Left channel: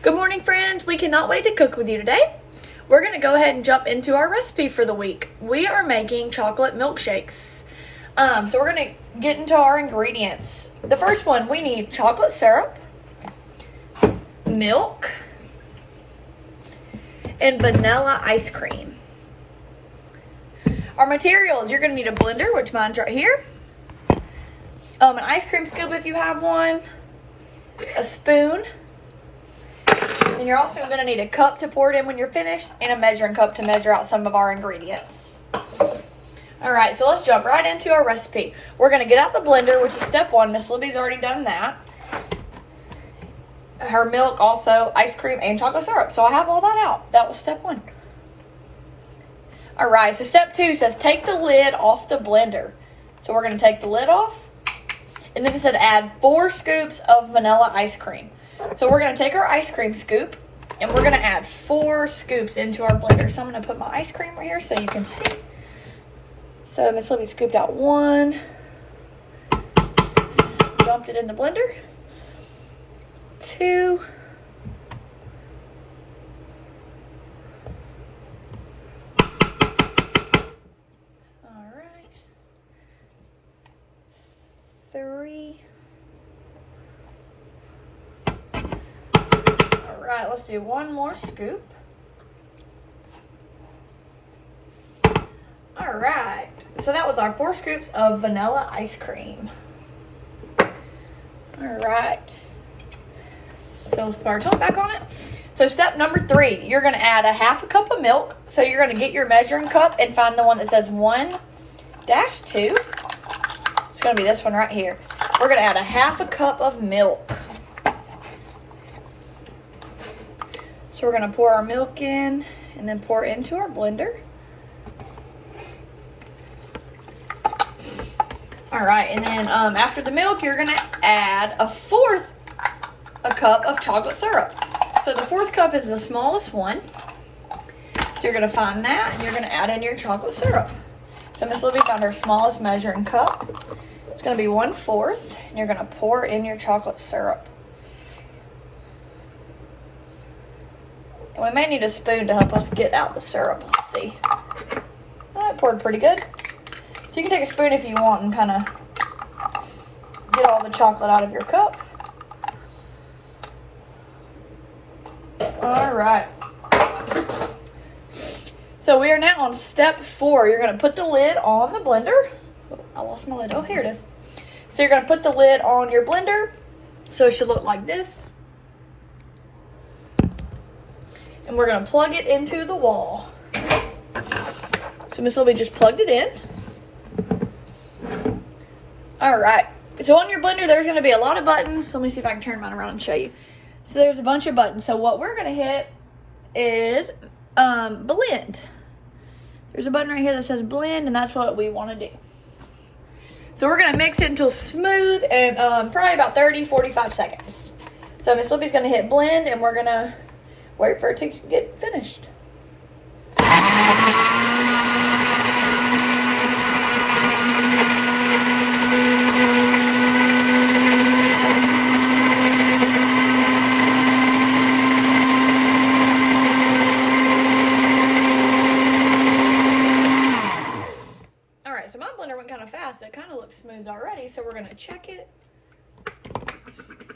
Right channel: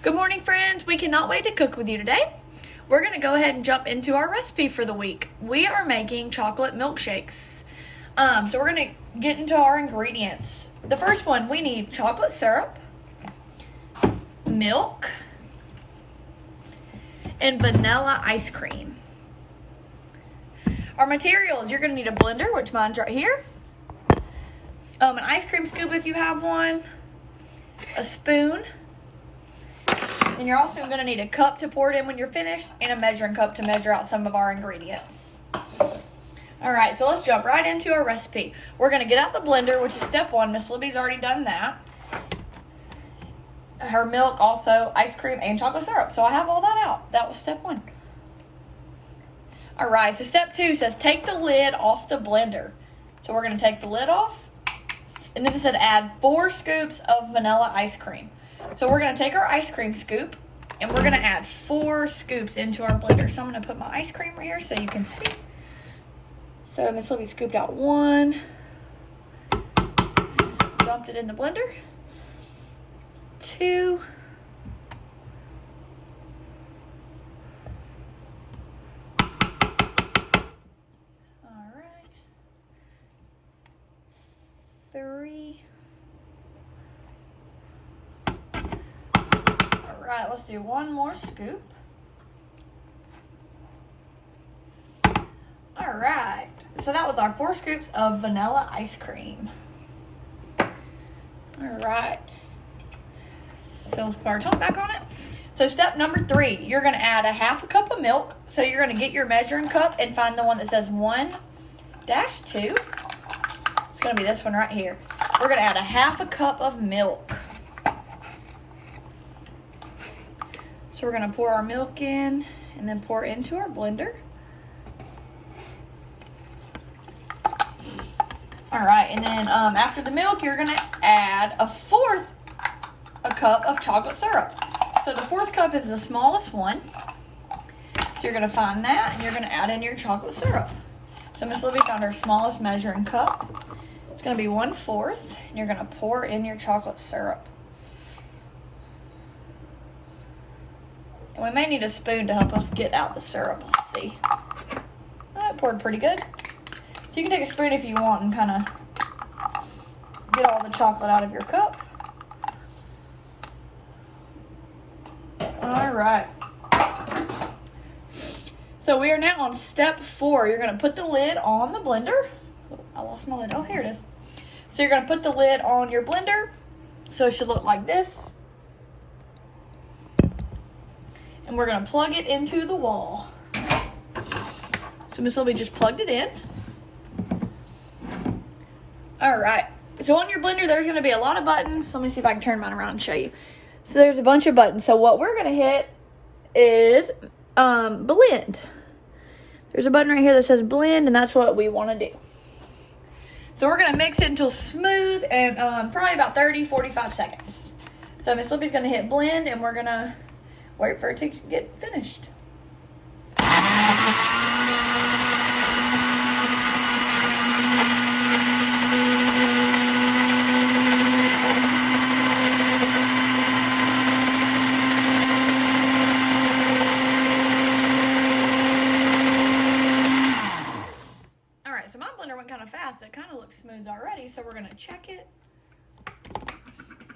Good morning, friends. We cannot wait to cook with you today. We're going to go ahead and jump into our recipe for the week. We are making chocolate milkshakes. So we're going to get into our ingredients. The first one, we need chocolate syrup, milk, and vanilla ice cream. Our materials, you're going to need a blender, which mine's right here, an ice cream scoop if you have one, a spoon, and you're also going to need a cup to pour it in when you're finished, and a measuring cup to measure out some of our ingredients. Alright, so let's jump right into our recipe. We're going to get out the blender, which is step one. Miss Libby's already done that. Her milk, also ice cream, and chocolate syrup. So I have all that out. That was step one. Alright, so step two says take the lid off the blender. So we're going to take the lid off. And then it said add 4 scoops of vanilla ice cream. So we're going to take our ice cream scoop and we're going to add 4 scoops into our blender. So I'm going to put my ice cream right here so you can see. So Miss Libby scooped out 1, dumped it in the blender, 2, all right, 3. All right, let's do 1 more scoop. All right, so that was our 4 scoops of vanilla ice cream. All right, so let's put our top back on it. So step number 3, you're gonna add a 1/2 cup of milk. So you're gonna get your measuring cup and find the one that says 1-2. It's gonna be this one right here. We're gonna add a 1/2 cup of milk. So we're gonna pour our milk in and then pour it into our blender. All right, and then after the milk, you're gonna add a 1/4 cup of chocolate syrup. So the 1/4 cup is the smallest one. So you're gonna find that and you're gonna add in your chocolate syrup. So Miss Libby found her smallest measuring cup. It's gonna be 1/4, and you're gonna pour in your chocolate syrup. And we may need a spoon to help us get out the syrup. Let's see. That poured pretty good. So you can take a spoon if you want and kind of get all the chocolate out of your cup. All right. So we are now on step 4. You're going to put the lid on the blender. Oh, I lost my lid. Oh, here it is. So you're going to put the lid on your blender. So it should look like this. And we're going to plug it into the wall. So Miss Libby just plugged it in. All right, so on your blender, there's going to be a lot of buttons. So let me see if I can turn mine around and show you. So there's a bunch of buttons. So what we're going to hit is blend. There's a button right here that says blend, and that's what we want to do. So we're going to mix it until smooth and probably about 30-45 seconds. So Miss Libby's going to hit blend, and we're going to wait for it to get finished. So my blender went kind of fast. It kind of looks smooth already, so we're going to check it.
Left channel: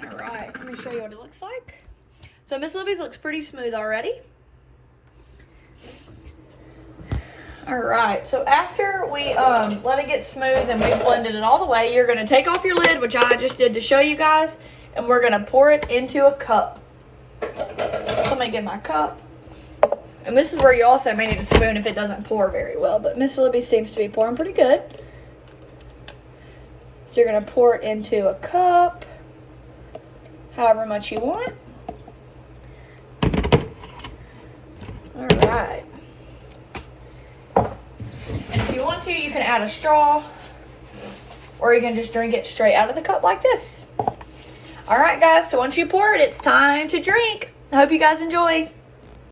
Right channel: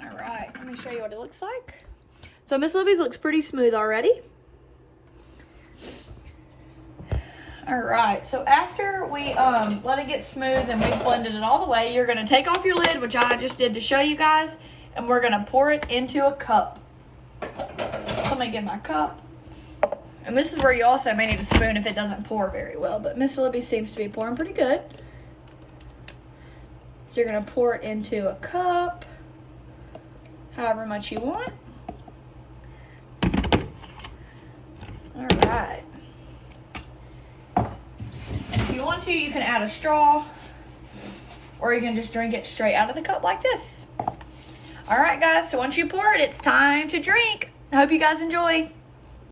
All right, let me show you what it looks like. So Miss Libby's looks pretty smooth already. All right, so after we let it get smooth and we've blended it all the way, you're going to take off your lid, which I just did to show you guys, and we're going to pour it into a cup. So let me get my cup. And this is where you also may need a spoon if it doesn't pour very well. But Miss Libby seems to be pouring pretty good. So you're going to pour it into a cup, however much you want. All right. And if you want to, you can add a straw. Or you can just drink it straight out of the cup like this. All right, guys. So once you pour it, it's time to drink. I hope you guys enjoy.